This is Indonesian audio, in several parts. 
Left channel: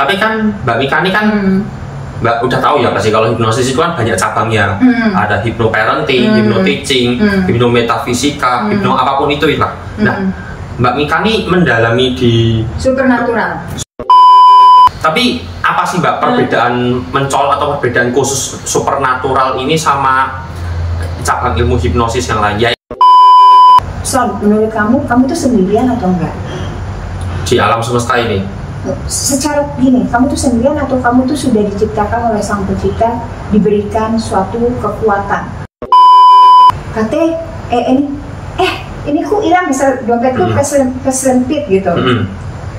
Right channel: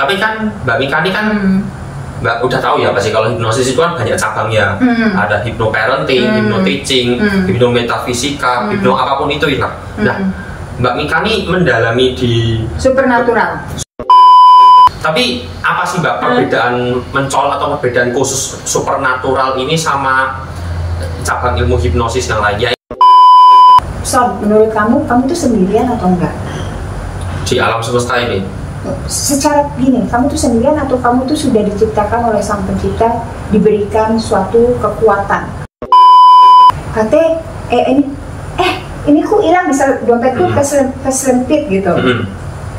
Tapi kan Mbak Mika ini kan Mbak udah tahu ya pasti kalau hipnosis itu kan banyak cabangnya. Ada hypnoparenting, hypnoteaching, hypnometafisika, hypno apapun itu lah. Nah, Mbak Mika ini mendalami di supernatural. Tapi apa sih Mbak perbedaan mencolok atau perbedaan khusus supernatural ini sama cabang ilmu hipnosis yang lain? Ya, Menurut kamu itu sendirian atau enggak? Di alam semesta ini? Secara gini, kamu tuh sendirian atau kamu tuh sudah diciptakan oleh Sang Pencipta, diberikan suatu kekuatan. Ini ku hilang, misal dompetku keselempit gitu.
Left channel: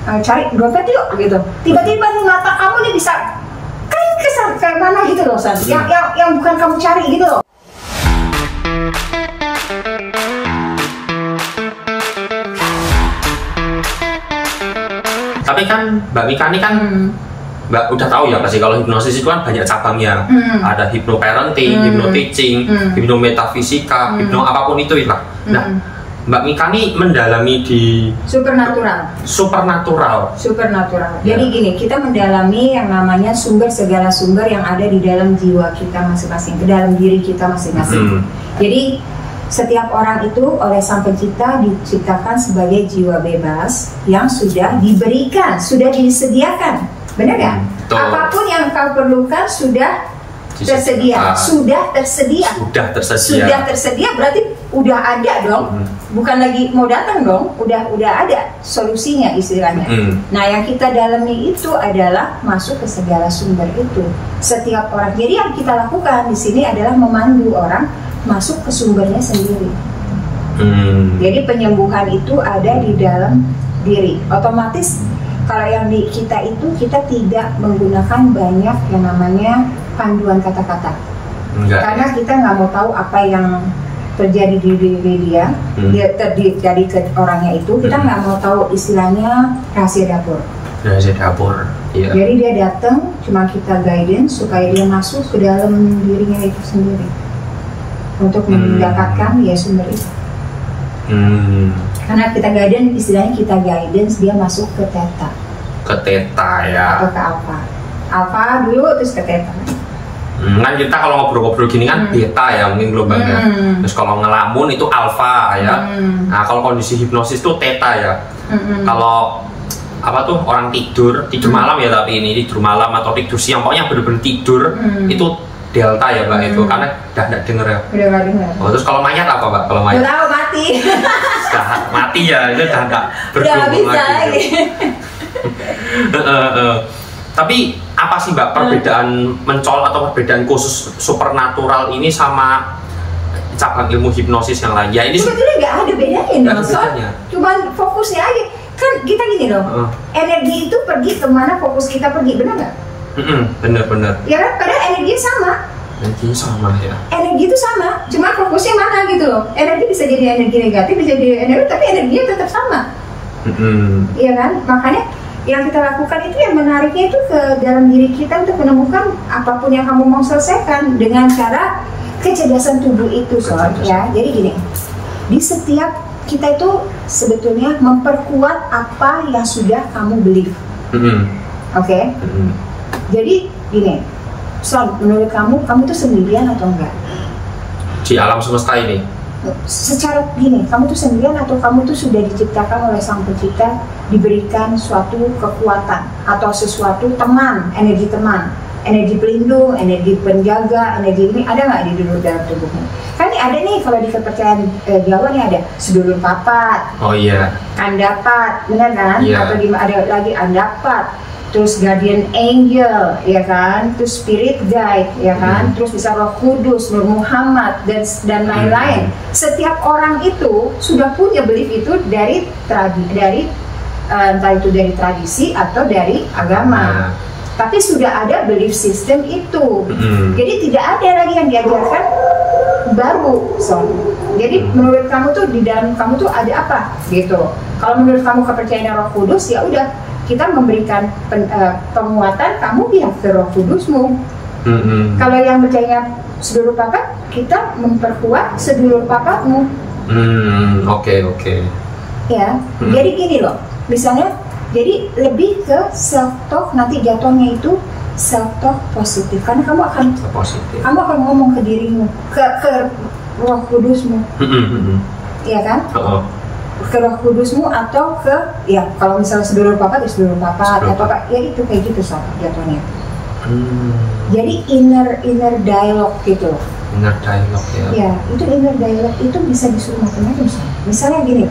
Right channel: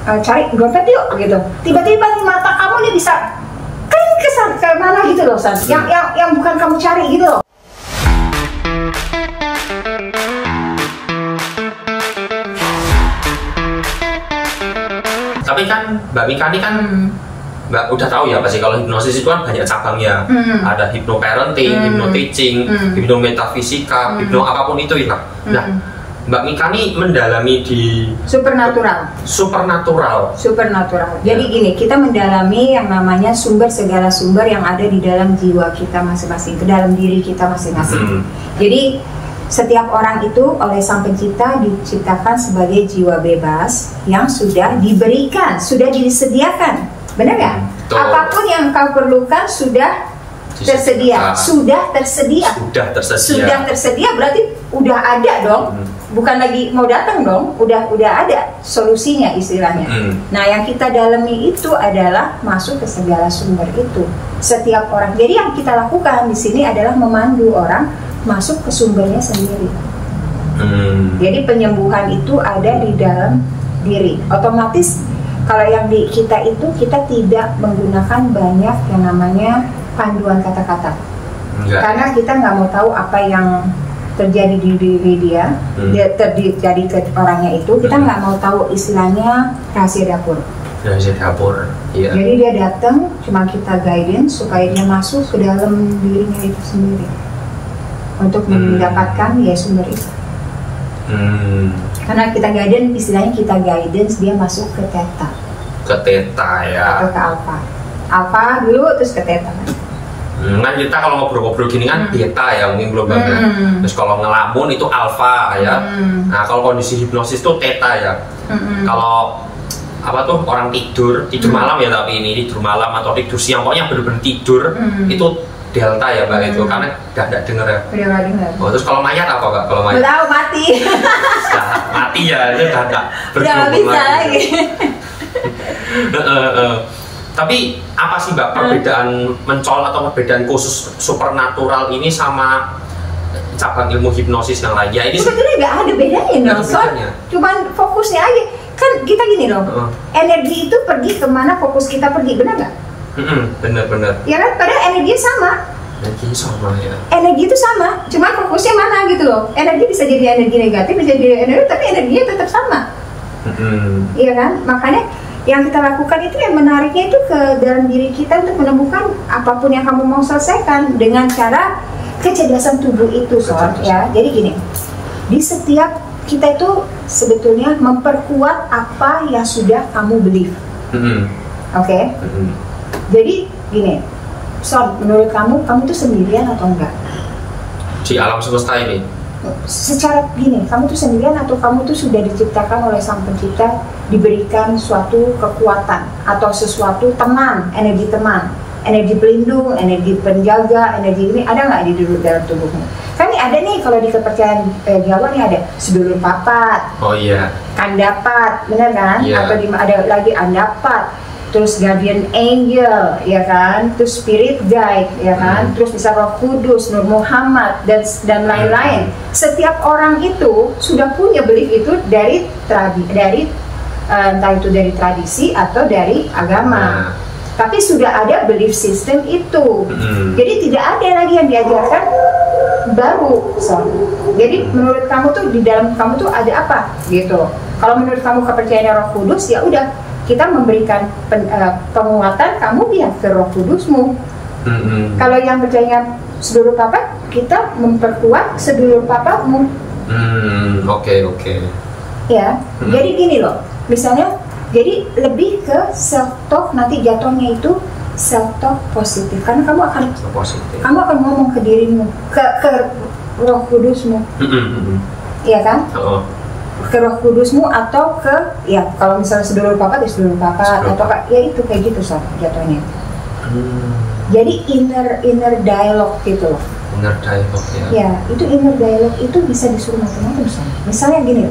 Cari dompet yuk gitu. Tiba-tiba mata kamu nih bisa ke mana gitu loh, San. Yang bukan kamu cari gitu loh. Tapi kan Mbak Mika ini kan Mbak udah tahu ya pasti kalau hipnosis itu kan banyak cabangnya. Ada hypnoparenting, hypnoteaching, hypnometafisika, hypno apapun itu lah. Nah, Mbak Mika ini mendalami di supernatural. Jadi gini, kita mendalami yang namanya segala sumber yang ada di dalam jiwa kita masing-masing, ke dalam diri kita masing-masing. Jadi setiap orang itu oleh Sang Pencipta diciptakan sebagai jiwa bebas yang sudah diberikan, sudah disediakan, benar nggak? Apapun yang kau perlukan sudah tersedia, sudah tersedia berarti udah ada dong, bukan lagi mau datang dong, udah ada solusinya istilahnya. Nah, yang kita dalami itu adalah masuk ke segala sumber itu. Setiap orang, jadi yang kita lakukan di sini adalah memandu orang masuk ke sumbernya sendiri. Jadi penyembuhan itu ada di dalam diri. Otomatis kalau yang di kita itu, kita tidak menggunakan banyak yang namanya panduan kata-kata. Karena kita nggak mau tahu apa yang terjadi di diri dia, terjadi ke orangnya itu. Kita nggak mau tahu istilahnya rahasia dapur. Iya. Jadi dia datang, cuma kita guidance supaya dia masuk ke dalam dirinya itu sendiri untuk mendapatkan ya sumber itu. Karena kita guidance, istilahnya kita guidance dia masuk ke theta. Ke theta ya. Atau ke alpha. Alpha dulu terus ke theta. Kan kita kalau ngobrol-ngobrol gini kan beta ya mungkin belum banget. Terus kalau ngelamun itu alpha ya. Nah, kalau kondisi hipnosis itu theta ya. Kalau apa tuh orang tidur malam ya, tapi ini tidur malam atau tidur siang, pokoknya bener-bener tidur itu delta ya Mbak itu, karena udah nggak denger ya. Udah nggak denger. Oh, terus kalau mayat apa Mbak? Kalau mayat? Udah mati. Sudah mati ya, itu udah nggak bergerak lagi. Tapi apa sih Mbak perbedaan mencolok atau perbedaan khusus supernatural ini sama cabang ilmu hipnosis yang lain? Ya ini sebetulnya nggak ada bedanya dong, cuman fokusnya aja. Kan kita gini loh, energi itu pergi kemana fokus kita pergi, benar nggak? Bener. Ya kan, padahal energinya sama. Energinya sama ya. Energi itu sama, cuma fokusnya mana gitu loh. Energi bisa jadi energi negatif, bisa jadi energi, tapi energinya tetap sama. Iya kan, makanya yang kita lakukan itu yang menariknya itu ke dalam diri kita untuk menemukan apapun yang kamu mau selesaikan dengan cara kecerdasan tubuh itu, ya. Jadi gini, di setiap kita itu sebetulnya memperkuat apa yang sudah kamu believe. Oke? Jadi gini, menurut kamu itu sendirian atau enggak? Di alam semesta ini? Secara gini, kamu tuh sendirian atau kamu tuh sudah diciptakan oleh Sang Pencipta, diberikan suatu kekuatan atau sesuatu teman, energi pelindung, energi penjaga, energi ini ada nggak di dalam tubuhmu? Kan ini ada nih, kalau di kepercayaan Jawa nih ada sedulur papat. Oh iya. Kandapat, benar kan? Yeah. Atau ada lagi andapat. Terus guardian angel, ya kan, terus spirit guide, ya kan, terus bisa Roh Kudus, Nur Muhammad dan lain-lain. Setiap orang itu sudah punya belief itu dari entah itu dari tradisi atau dari agama. Tapi sudah ada belief system itu. Jadi tidak ada lagi yang diajarkan baru, Jadi menurut kamu tuh di dalam kamu tuh ada apa gitu. Kalau menurut kamu kepercayaan Roh Kudus, ya udah, kita memberikan penguatan kamu ya ke Roh Kudusmu. Kalau yang percaya sedulur papat, kita memperkuat sedulur papatmu. Oke. Ya, jadi gini loh, misalnya Jadi lebih ke self talk, nanti jatuhnya itu self talk positif, karena kamu akan ngomong ke dirimu, ke Roh Kudusmu, iya kan? Ke Roh Kudusmu atau ke, ya kalau misalnya sedulur papa, atau apa, ya itu kayak gitu jatuhnya. Jadi inner dialogue gitu loh. Inner dialogue ya. Ya, itu inner dialogue itu bisa disuruh macam-macam misalnya. Misalnya gini,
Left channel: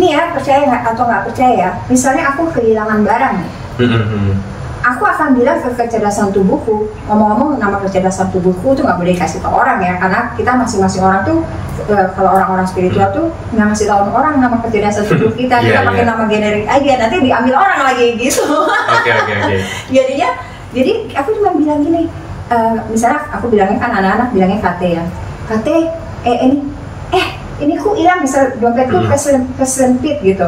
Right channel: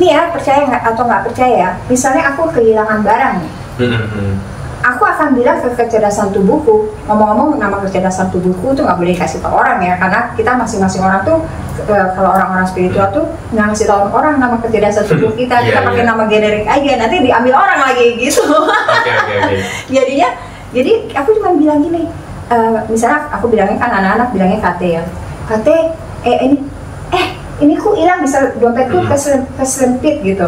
nih ya, percaya nggak atau nggak percaya ya, misalnya aku kehilangan barang nih. Aku akan bilang ke kecerdasan tubuhku. Ngomong-ngomong, nama kecerdasan tubuhku itu nggak boleh dikasih ke orang ya, karena kita masing-masing orang tuh kalau orang-orang spiritual tuh nggak ngasih tahu orang nama kecerdasan tubuh kita. Kita pakai nama generik aja, nanti diambil orang lagi gitu. Oke. Jadi aku cuma bilang gini, misalnya aku bilangnya kan anak-anak bilangnya kate ya, kate ini ku hilang, misal dompetku kesempit gitu.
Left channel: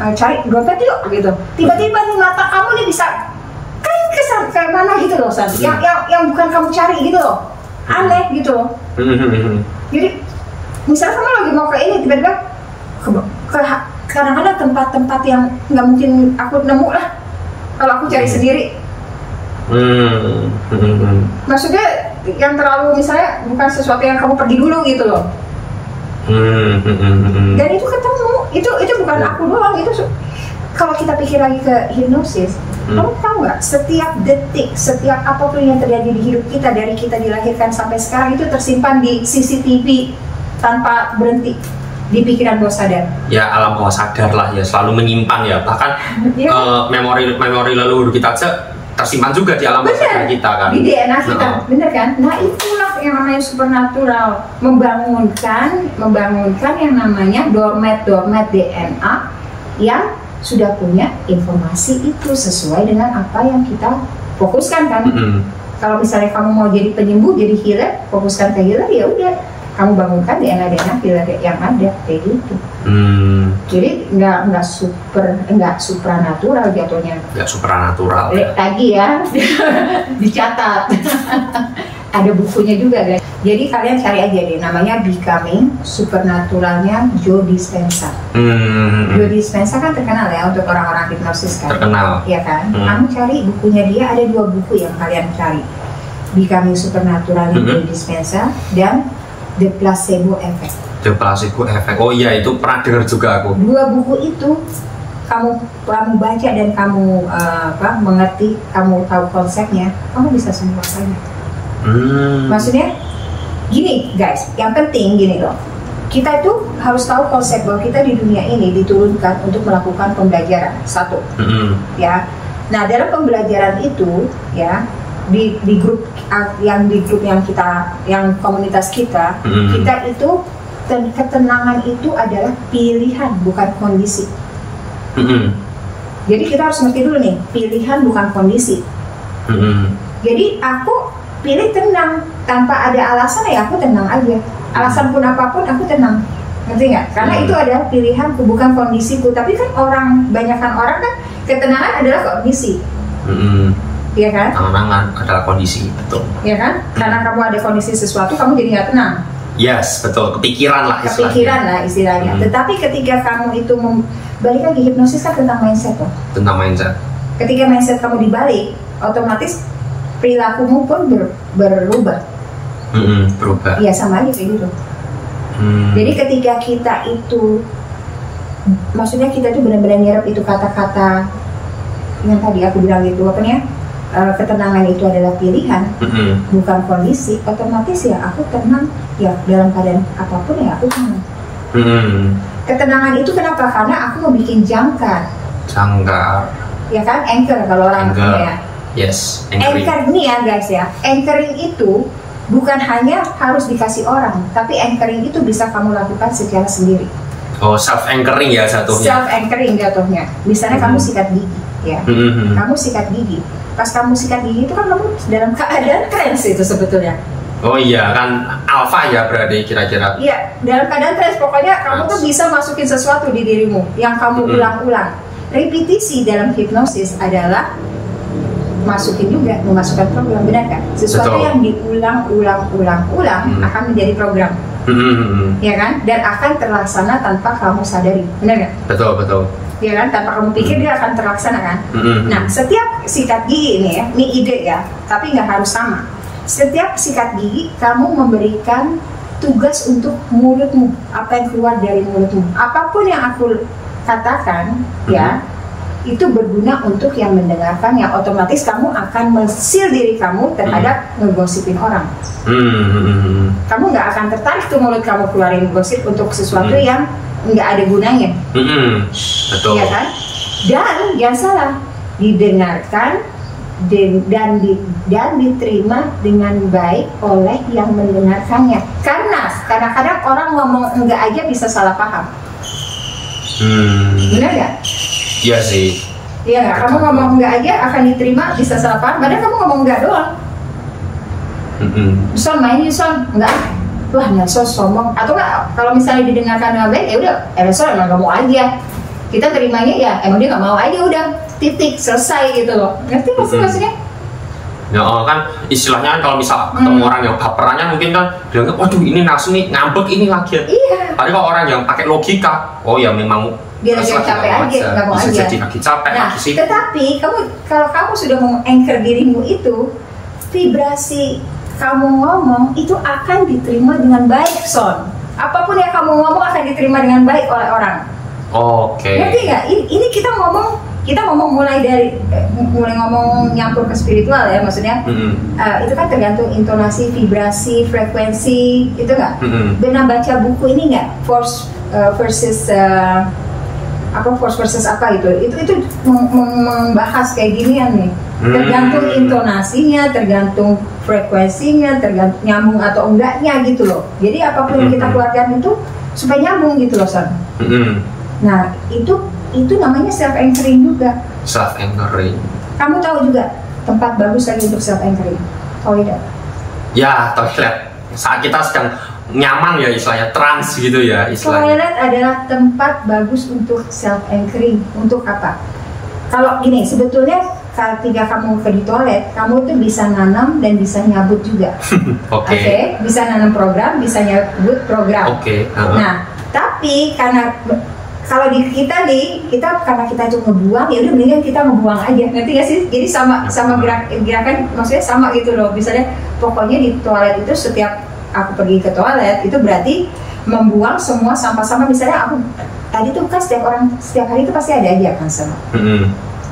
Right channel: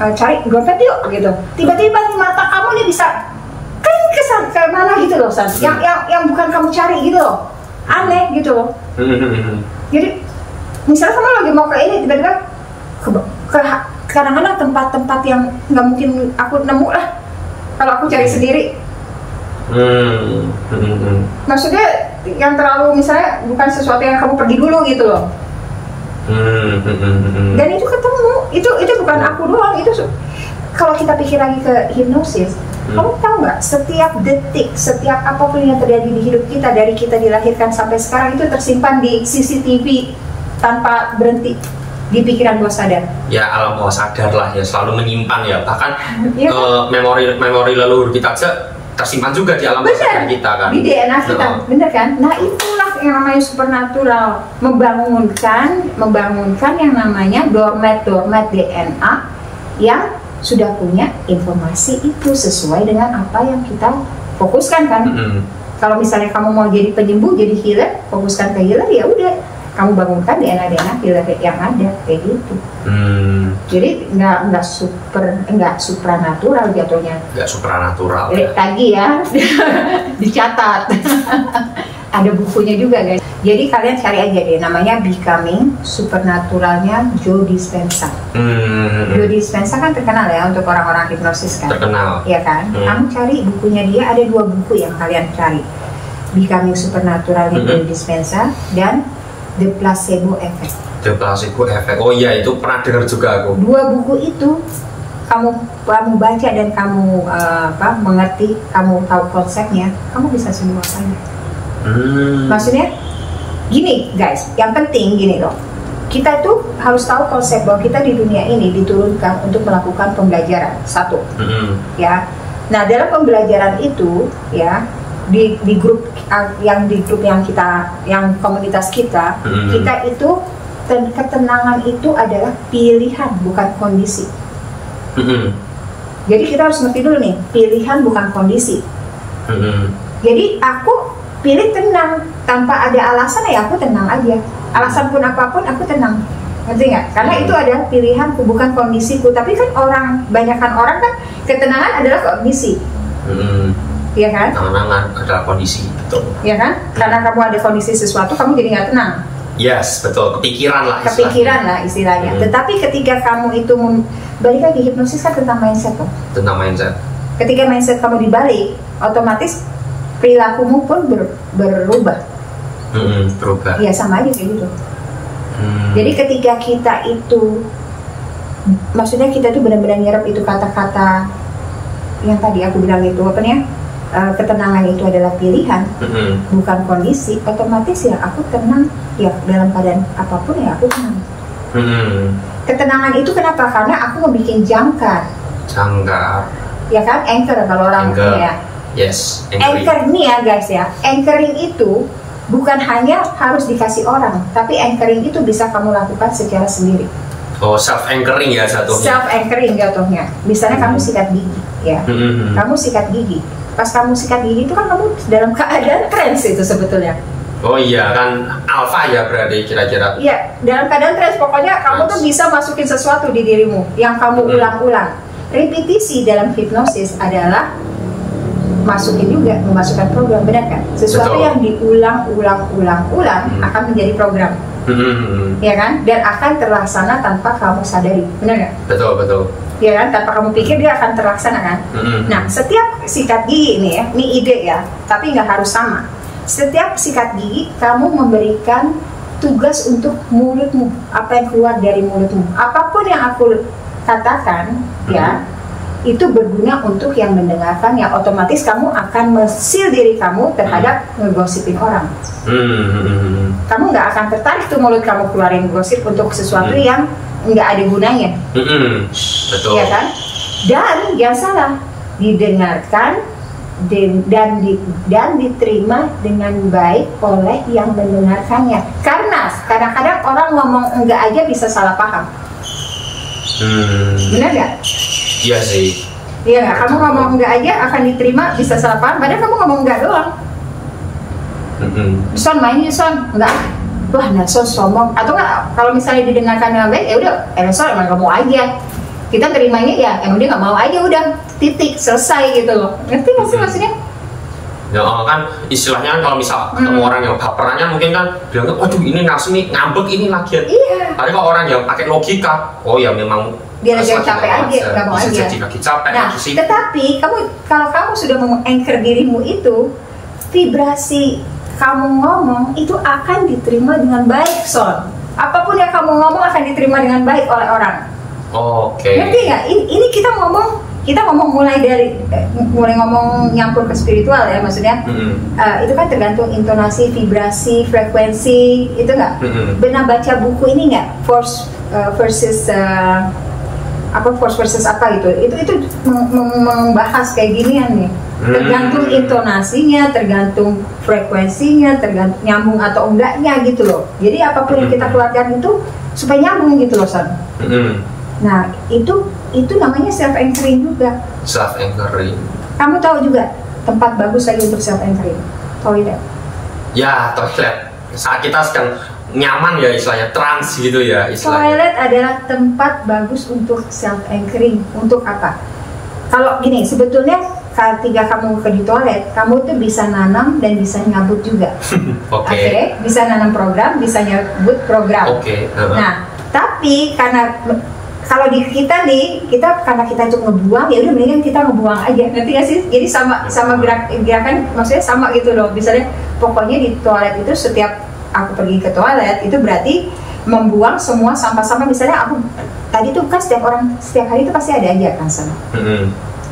Cari dompet yuk gitu. Tiba-tiba nih mata kamu nih bisa ke mana gitu loh, San. Yang bukan kamu cari gitu loh. Aneh gitu loh. Jadi misalnya kamu lagi mau ke ini, tiba-tiba ke kadang-kadang tempat-tempat yang nggak mungkin aku nemu lah kalau aku cari sendiri. Maksudnya yang terlalu misalnya bukan sesuatu yang kamu pergi dulu gitu loh. Dan itu ketemu, itu bukan aku doang, itu kalau kita pikir lagi ke hipnosis, kamu tahu nggak, setiap detik, setiap apapun yang terjadi di hidup kita dari kita dilahirkan sampai sekarang itu tersimpan di CCTV tanpa berhenti di pikiran bawah sadar. Ya, alam bawah sadar lah ya, selalu menyimpan ya, bahkan memori leluhur kita aja tersimpan juga di alam bawah sadar kita kan, di DNA kita, bener kan? Nah itulah yang namanya supernatural, membangunkan yang namanya dormat DNA yang sudah punya informasi itu sesuai dengan apa yang kita fokuskan kan. Kalau misalnya kamu mau jadi penyembuh, jadi healer, fokuskan ke healer, ya udah kamu bangunkan DNA healer yang ada kayak gitu. Jadi nggak supranatural jatuhnya. Nggak supranatural. Tadi ya dicatat. Ada bukunya juga guys. Jadi kalian cari aja deh, namanya Becoming Supernaturalnya Joe Dispenza. Joe Dispenza kan terkenal ya untuk orang-orang hipnosis kan. Terkenal. Iya kan. Kamu cari bukunya dia, ada 2 buku yang kalian cari. Becoming Supernaturalnya Joe Dispenza dan The Placebo Effect. The Placebo Effect. Oh iya, itu pernah dengar juga aku. 2 buku itu kamu baca dan kamu mengerti, kamu tahu konsepnya, kamu bisa sembuh aja. Maksudnya gini guys, yang penting gini loh, kita tuh harus tahu konsep bahwa kita di dunia ini diturunkan untuk melakukan pembelajaran satu, ya. Nah dalam pembelajaran itu ya, di grup yang kita, yang komunitas kita, kita itu ketenangan itu adalah pilihan bukan kondisi. Jadi kita harus ngerti dulu nih, pilihan bukan kondisi. Jadi aku pilih tenang tanpa ada alasan, ya aku tenang aja. Alasan pun apapun aku tenang, ngerti nggak? Karena itu adalah pilihanku bukan kondisiku. Tapi kan banyakkan orang kan ketenangan adalah kondisi. Iya kan? Ketenangan adalah kondisi, betul. Iya kan? Karena kamu ada kondisi sesuatu, kamu jadi nggak tenang. Yes, betul. Kepikiran lah istilahnya. Tetapi ketika kamu itu balik lagi, hipnosis kan tentang mindset loh. Tentang mindset. Ketika mindset kamu dibalik, otomatis perilakumu pun berubah. Berubah. Iya, sama aja kayak gitu. Jadi ketika kita itu, maksudnya kita tuh benar-benar nyerap itu kata-kata yang tadi aku bilang gitu, ketenangan itu adalah pilihan, bukan kondisi. Otomatis ya aku tenang, ya dalam keadaan apapun ya aku tenang. Ketenangan itu kenapa? Karena aku membuat jangkar. Ya kan, anchor kalau orang ya. Yes, anchor ini ya guys ya, anchoring itu bukan hanya harus dikasih orang, tapi anchoring itu bisa kamu lakukan secara sendiri. Oh, self anchoring ya jatuhnya. Self anchoring jatuhnya. Misalnya kamu sikat gigi, ya. Kamu sikat gigi. Pas kamu sikat gigi itu kan kamu dalam keadaan trance itu sebetulnya. Oh iya, kan alpha ya berarti kira-kira. Iya, dalam keadaan trance, pokoknya kamu tuh bisa masukin sesuatu di dirimu yang kamu ulang-ulang. Repetisi dalam hipnosis adalah memasukkan program, benar kan? Sesuatu yang diulang-ulang akan menjadi program, ya kan? Dan akan terlaksana tanpa kamu sadari, benar kan? Betul. ya kan? Tanpa kamu pikir dia akan terlaksana kan. Nah, setiap sikat gigi ini ya, ini ide ya, tapi nggak harus sama. Setiap sikat gigi kamu memberikan tugas untuk mulutmu, apa yang keluar dari mulutmu, apapun yang aku katakan ya, itu berguna untuk yang mendengarkan, yang otomatis kamu akan mensil diri kamu terhadap ngegosipin orang. Kamu nggak akan tertarik tuh mulut kamu keluarin gosip untuk sesuatu yang nggak ada gunanya. Betul. Ya kan? Dan jangan salah, didengarkan dan diterima dengan baik oleh yang mendengarkannya. Karena kadang-kadang orang ngomong enggak aja bisa salah paham. Benar nggak? Iya sih. Iya, kamu ngomong enggak aja akan diterima bisa salah paham. Padahal kamu ngomong enggak doang. Son main yuk son, enggak. Wah, Nelson sombong. Atau enggak, kalau misalnya didengarkan dengan baik, ya udah, Nelson emang kamu aja. Kita terimanya ya, emang dia nggak mau aja, udah titik selesai gitu loh. Ngerti nggak sih maksudnya? Ya kan istilahnya kan kalau misal ketemu orang yang baperannya mungkin kan bilang, waduh ini Nelson nih ngambek ini lagi. Iya. Tapi kalau orang yang pakai logika, oh ya memang dia lagi capek aja, nggak mau aja. Jadi lagi capek. Nah, tetapi kalau kamu sudah meng-anchor dirimu itu, vibrasi kamu ngomong itu akan diterima dengan baik, Son. Apapun yang kamu ngomong akan diterima dengan baik oleh orang. Ngerti nggak? Ini kita ngomong mulai ngomong nyampur ke spiritual ya, maksudnya itu kan tergantung intonasi, vibrasi, frekuensi, itu nggak? Pernah baca buku ini nggak? Force versus apa gitu? Itu membahas kayak ginian nih. Tergantung intonasinya, tergantung frekuensinya, tergantung nyambung atau enggaknya gitu loh. Jadi apapun yang kita keluarkan itu supaya nyambung gitu loh, Son. Nah, itu namanya self anchoring juga. Self anchoring. Kamu tahu juga tempat bagus lagi untuk self anchoring? Toilet. Ya, toilet. Saat kita sedang nyaman ya istilahnya, trans gitu ya istilahnya. Toilet adalah tempat bagus untuk self anchoring. Untuk apa? Kalau gini, sebetulnya ketika kamu di toilet, kamu tuh bisa nanam dan bisa nyabut juga. Oke. Bisa nanam program, bisa nyabut program. Nah, tapi karena kalau di kita karena kita cuma ngebuang, ya udah mendingan kita ngebuang aja, nanti nggak sih? Jadi sama gerakan, maksudnya sama gitu loh. Misalnya pokoknya di toilet itu setiap aku pergi ke toilet itu berarti membuang semua sampah-sampah. Misalnya aku tadi tuh kan setiap hari itu pasti ada aja kan, Son.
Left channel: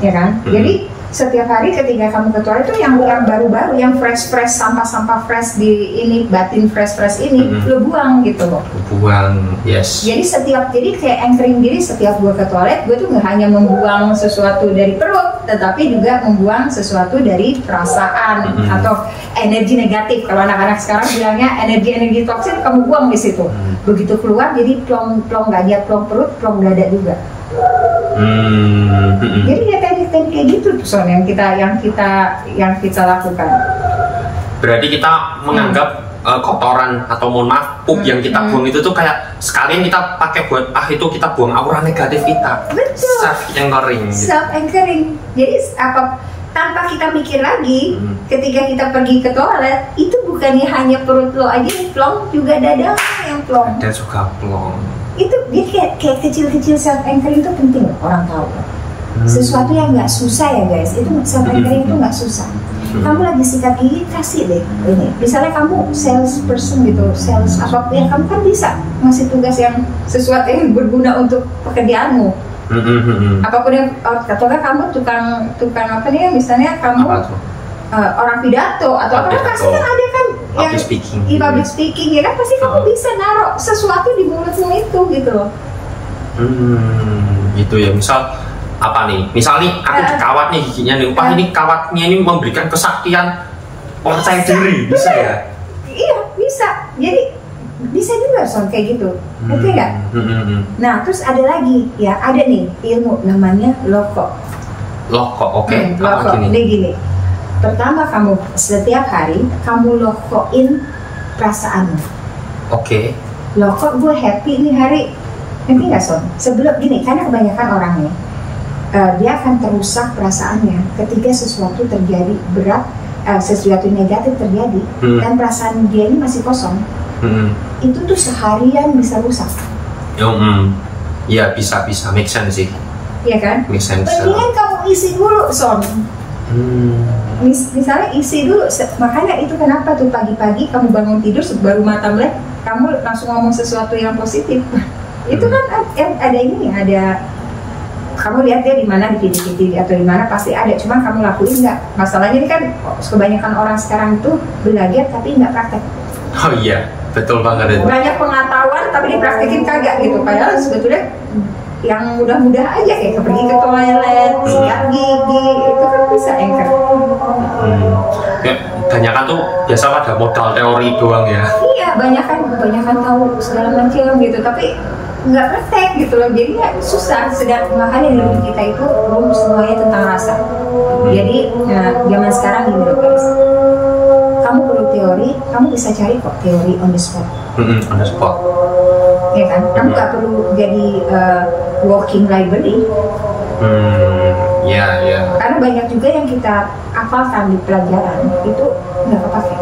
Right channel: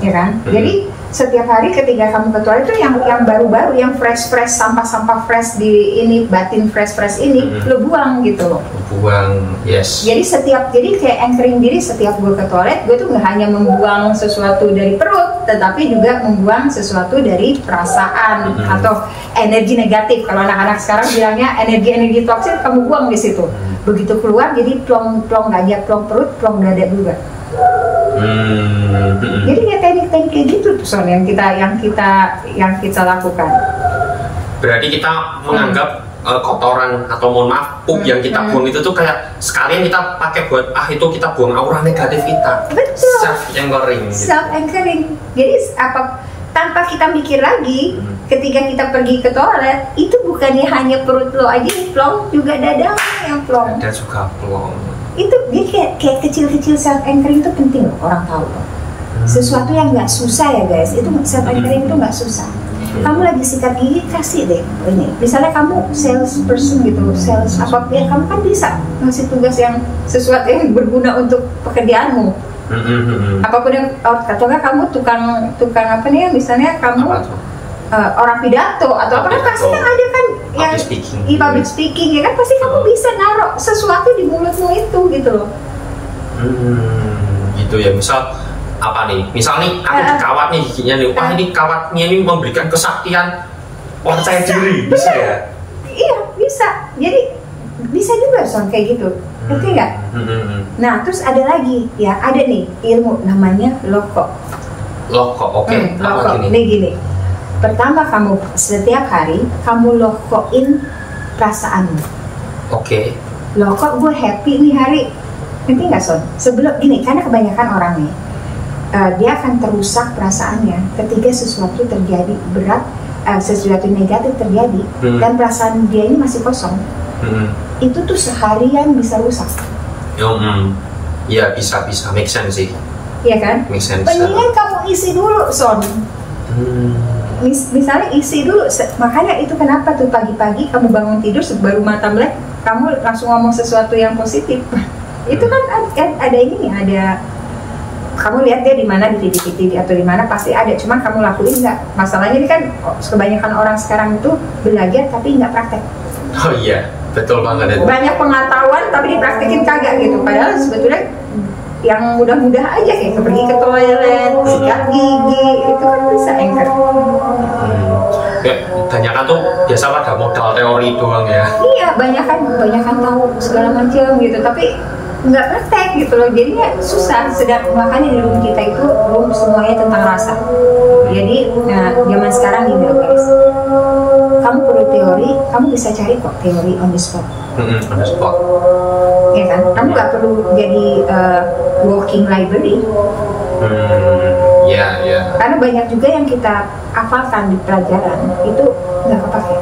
Ya kan? Jadi setiap hari ketika kamu ke toilet itu yang baru-baru, yang fresh sampah-sampah fresh di ini, batin fresh ini lo buang gitu loh. Buang, yes. Jadi kayak anchoring diri, setiap gue ke toilet gue tuh nggak hanya membuang sesuatu dari perut, tetapi juga membuang sesuatu dari perasaan atau energi negatif. Kalau anak-anak sekarang bilangnya energi toksik kamu buang di situ. Begitu keluar jadi plong dada, plong perut, plong dada juga. Jadi ya teknik-teknik kayak gitu Son yang kita lakukan. Berarti kita menganggap kotoran atau mohon maaf pup yang kita buang itu tuh kayak sekalian kita pakai buat itu kita buang aura negatif kita. Betul. Self anchoring. Self anchoring. Jadi tanpa kita mikir lagi, ketika kita pergi ke toilet itu bukannya hanya perut lo aja yang plong, juga dada yang plong. Dada juga plong. Itu dia kayak kecil-kecil self anchoring itu penting loh, orang tahu loh. Sesuatu yang nggak susah ya guys, itu self anchoring itu nggak susah. Kamu lagi sikat gigi, kasih deh ini. Misalnya kamu sales person gitu, sales apapun yang kamu kan bisa ngasih tugas yang sesuatu yang berguna untuk pekerjaanmu. Apapun yang atau kamu tukang apa nih, misalnya kamu orang pidato atau apa kan pasti kan ada kan yang public speaking ya kan, pasti kamu bisa naruh sesuatu di mulutmu itu gitu loh. Gitu ya, misal apa nih? Misal nih aku kawat nih giginya nih, ini kawatnya ini memberikan kesaktian percaya diri, bisa ya? Iya bisa, jadi bisa juga Son kayak gitu, ngerti nggak? Nah terus ada lagi ya, ada nih ilmu namanya loko. Oke. Loko. Ini gini. Pertama kamu setiap hari kamu lokoin perasaanmu. Oke. Loko gue happy nih hari. Ngerti nggak Son? Sebelum gini, karena kebanyakan orangnya dia akan terusak perasaannya ketika sesuatu terjadi berat, sesuatu negatif terjadi dan perasaan dia ini masih kosong. Itu tuh seharian bisa rusak. Iya bisa make sense sih. Iya kan? Mendingan kamu isi dulu, Son. Misalnya isi dulu, makanya itu kenapa tuh pagi-pagi kamu bangun tidur baru mata melek, kamu langsung ngomong sesuatu yang positif. Itu kan ada ini, ada kamu lihat deh di mana di video atau di mana pasti ada, cuman kamu lakuin nggak. Masalahnya ini kan kebanyakan orang sekarang itu belajar tapi nggak praktek. Oh iya, betul banget itu. Banyak pengetahuan tapi dipraktekin kagak gitu. Padahal sebetulnya yang mudah-mudah aja kayak pergi ke toilet, sikat gigi, itu kan bisa Anchor. Ya, banyakan tuh biasa pada modal teori doang ya. Iya, banyakan tahu segala macam gitu, tapi nggak praktek gitu loh, jadinya susah. Sedang makanya di room kita itu semuanya tentang rasa. Jadi, zaman sekarang gini loh guys, kamu perlu teori, kamu bisa cari kok teori on the spot. On the spot. Ya kan, kamu nggak perlu jadi walking library. Ya. Karena banyak juga yang kita hafalkan di pelajaran itu nggak kepake.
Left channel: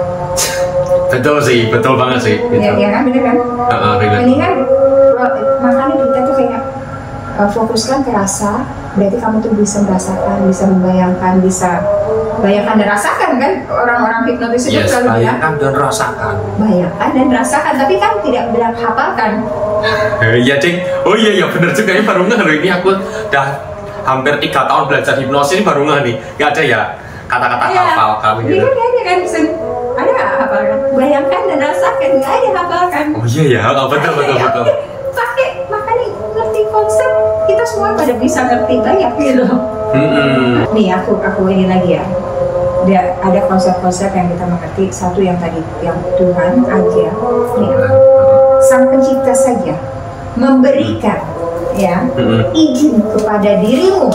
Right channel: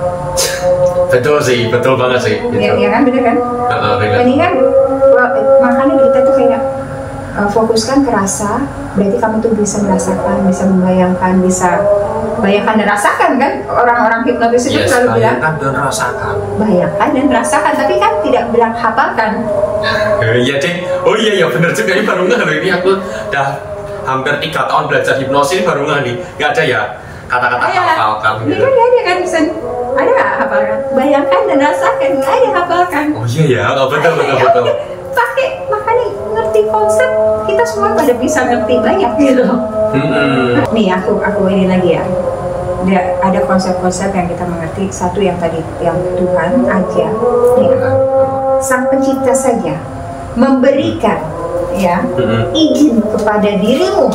Betul sih, betul banget sih. Gitu. Ya kan, bener kan? Mendingan makanya kita tuh kayak fokuskan ke rasa. Berarti kamu tuh bisa merasakan, bisa membayangkan, bisa bayangkan dan rasakan kan. Orang-orang hipnotis itu selalu bilang bayangkan dan rasakan. Bayangkan dan rasakan, tapi kan tidak bilang hafalkan. Iya Cing, oh iya bener juga, ini baru nggak ini aku udah hampir 3 tahun belajar hipnosis, ini baru nggak nih, nggak ada ya kata-kata hafalkan gitu. Iya kan, nggak ada kan, ada nggak hafalkan? Bayangkan dan rasakan, nggak ada hafalkan. Oh iya ya, betul. Pakai, makanya ngerti konsep, kita semua pada bisa ngerti banyak gitu. Nih aku ini lagi ya. Ada konsep-konsep yang kita mengerti. Satu yang tadi, yang Tuhan aja, ya. Sang pencipta saja memberikan ya izin kepada dirimu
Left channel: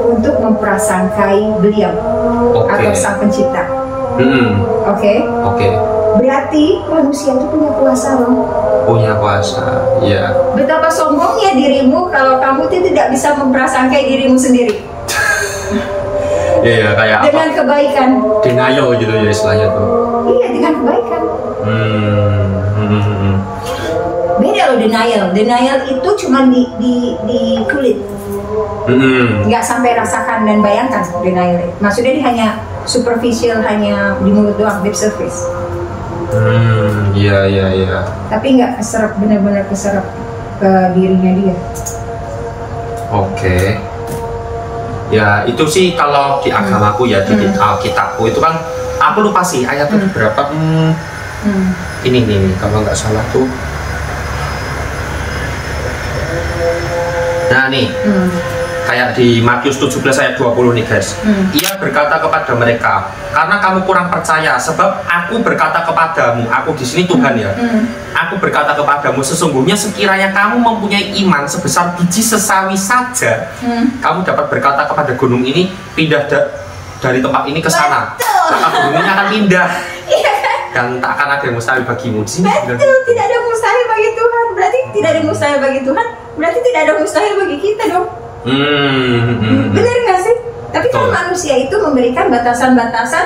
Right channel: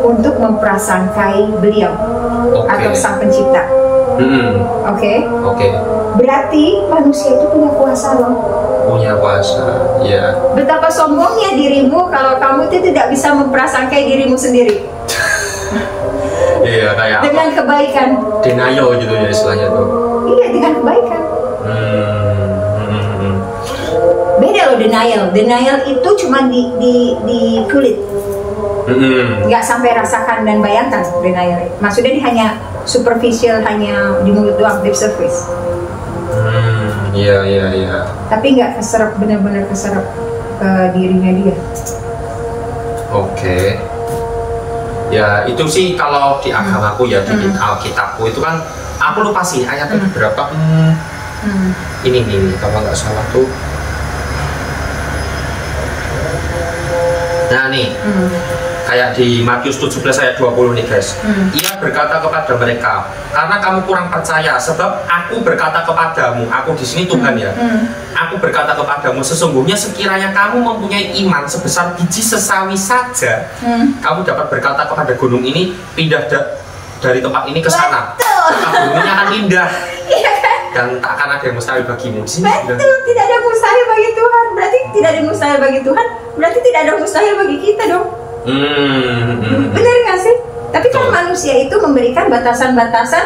untuk memprasangkai beliau atau sang pencipta. Oke. Berarti manusia itu punya kuasa dong. Punya kuasa, ya. Betapa sombongnya dirimu kalau kamu itu tidak bisa memprasangkai dirimu sendiri. Iya, kayak dengan apa? Kebaikan. Denial gitu ya istilahnya tuh. Iya, dengan kebaikan. Beda loh denial. Denial itu cuma di kulit. Nggak sampai rasakan dan bayangkan denial. Maksudnya dia hanya superficial, hanya di mulut doang, lip service. Iya. Tapi nggak keserap, benar-benar keserap ke dirinya dia. Oke. Ya itu sih kalau di agamaku ya, di Alkitabku itu kan aku lupa sih ayatnya berapa. Ini kalau nggak salah tuh. Nah nih, kayak di Matius 17 ayat 20 nih guys. Ia berkata kepada mereka, karena kamu kurang percaya, sebab aku berkata kepadamu, aku di sini Tuhan ya. Aku berkata kepadamu, sesungguhnya sekiranya kamu mempunyai iman sebesar biji sesawi saja, kamu dapat berkata kepada gunung ini, pindah dari tempat ini ke sana. Maka gunung ini akan pindah. Dan tak akan ada yang mustahil bagimu. Betul, tidak ada mustahil bagi Tuhan. Berarti tidak ada mustahil bagi Tuhan, berarti tidak ada mustahil bagi kita dong. Benar nggak sih? Tapi kan manusia itu memberikan batasan-batasan,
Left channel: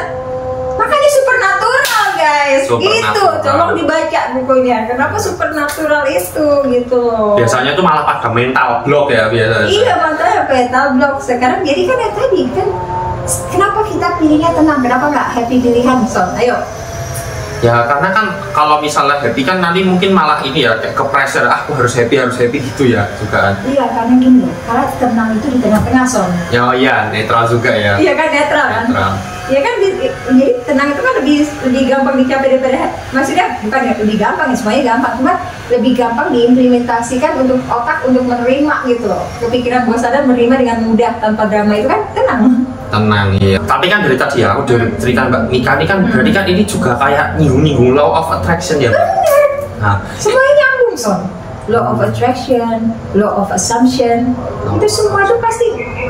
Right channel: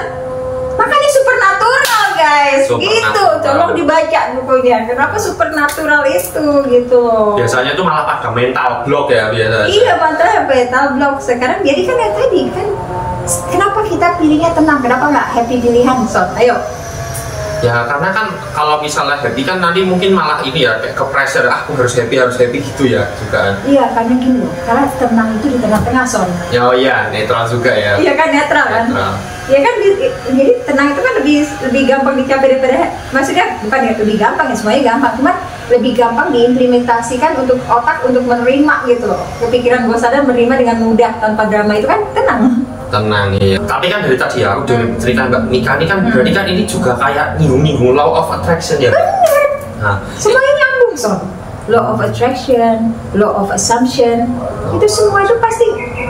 makanya supernatural guys. Gitu, tolong dibaca bukunya. Kenapa supernatural itu gitu? Biasanya tuh malah pada mental block ya biasanya. Iya, mantra mental block. Sekarang jadi kan ya tadi kan, kenapa kita pilihnya tenang? Kenapa nggak happy pilihan, Son? Ayo. Ya karena kan kalau misalnya happy kan nanti mungkin malah ini ya kayak ke pressure, aku harus happy gitu ya juga kan. Iya karena gini loh, karena tenang itu di tengah-tengah Son. Ya oh iya, netral juga ya. Iya kan, netral kan. Iya kan, jadi tenang itu kan lebih gampang dicapai daripada, maksudnya bukan ya lebih gampang ya, semuanya gampang, cuma lebih gampang diimplementasikan untuk otak untuk menerima gitu loh. Kepikiran bawah sadar menerima dengan mudah tanpa drama, itu kan tenang. Iya. Tapi kan dari tadi ya aku udah cerita Mbak Mika ini kan berarti kan ini juga kayak nyinggung law of attraction ya Mbak. Nah, semuanya nyambung Son. Law of attraction, law of assumption, itu semua itu pasti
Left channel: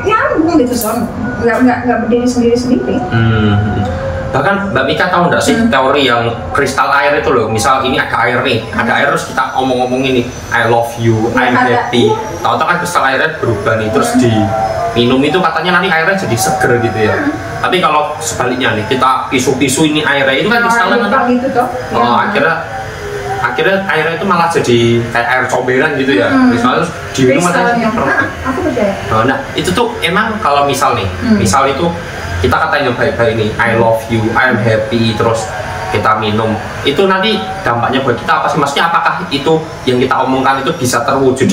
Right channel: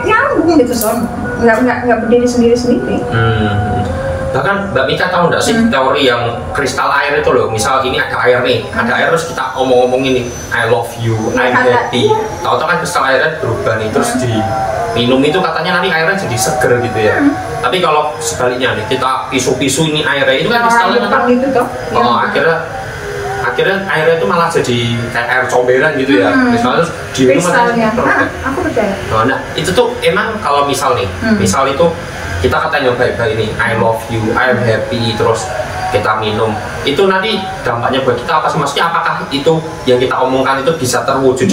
nyambung gitu Son. Nggak berdiri sendiri-sendiri. Bahkan Mbak Mika tahu nggak sih teori yang kristal air itu loh. Misal ini ada air nih, ada air terus kita omong-omong ini I love you, I'm happy. Tahu-tahu kan kristal airnya berubah nih, terus di minum itu katanya nanti airnya jadi seger gitu ya. Tapi kalau sebaliknya nih kita pisu-pisu ini airnya itu kan kristalnya kan gitu toh. akhirnya akhirnya airnya itu malah jadi kayak air comberan gitu ya. Misalnya terus diminum aku percaya. Nah itu tuh emang kalau misal nih, misal itu kita katanya baik-baik ini, I love you, I am happy, terus kita minum, itu nanti dampaknya buat kita apa sih? Maksudnya apakah itu yang kita omongkan itu bisa terwujud?